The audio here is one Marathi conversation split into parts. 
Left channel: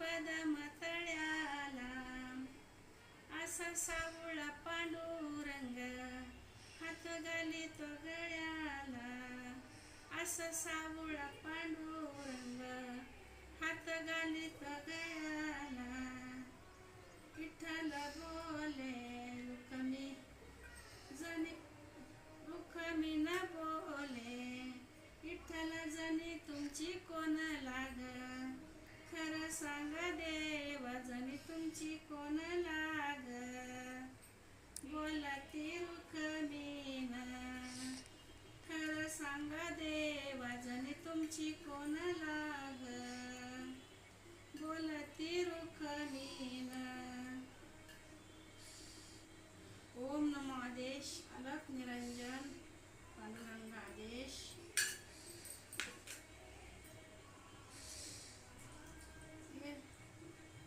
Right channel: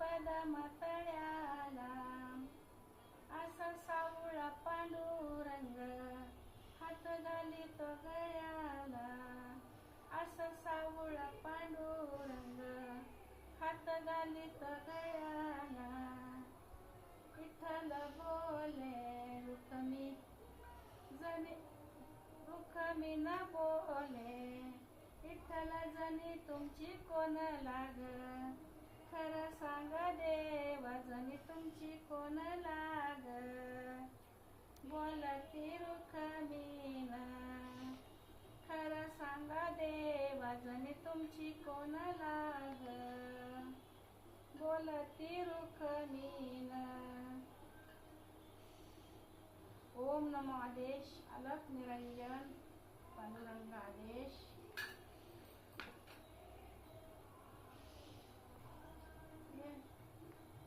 बदाम तळ्याला, असा सावळा पांडुरंग हात घालितो गळ्याला, असा सावळा पांडुरंग हात घालितो गळ्याला. विठ्ठल बोले रुक्मी जनी, रुक्मी न बोले विठ्ठल जनी तुमची कोण लाग, खरं सांगा देवा जनी तुमची कोण लाग. बोलती रुक्मिण खरं सांगा देवा जनी तुमची कोण लाग, बोलती रुक्मिण. ओम नमो आदेश अलख निरंजन पांडुरंग आदेश.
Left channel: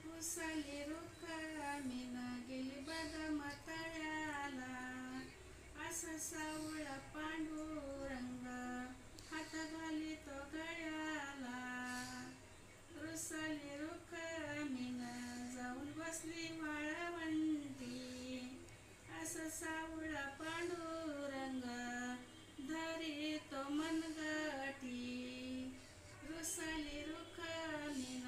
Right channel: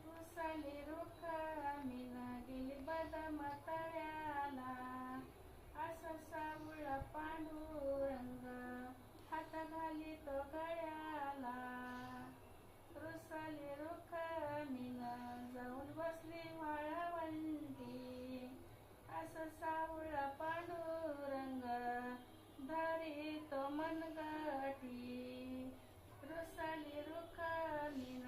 कुसली रुक्मिण गेली बदाम तळ्याला, असं सावळा पांडुरंग हात घालितो गळ्याला. रुसली रुक्मिण जाऊन बसली वाळवंटी, असं सावळा पांडुरंग धरितो मनगटी. रुसली रुक्मिण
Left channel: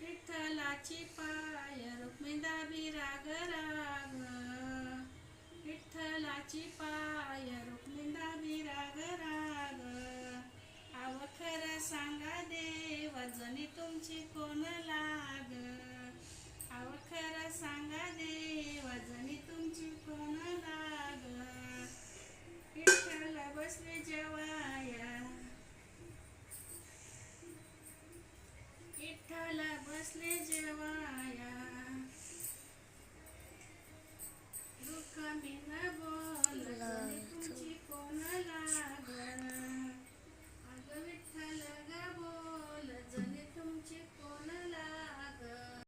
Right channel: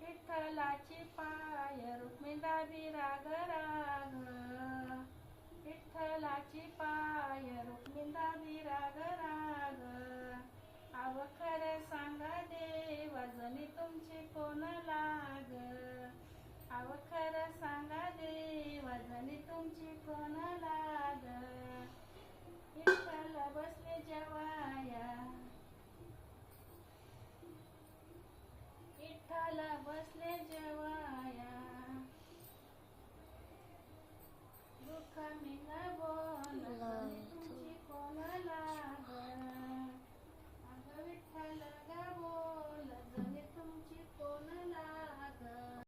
विठ्ठलाची पाय रुक्मिणी दाबी राग राग, विठ्ठलाची पाय रुक्मिणी दाबी राग राग. अव खरं सांगा देवा जनी तुमची कोण लाग,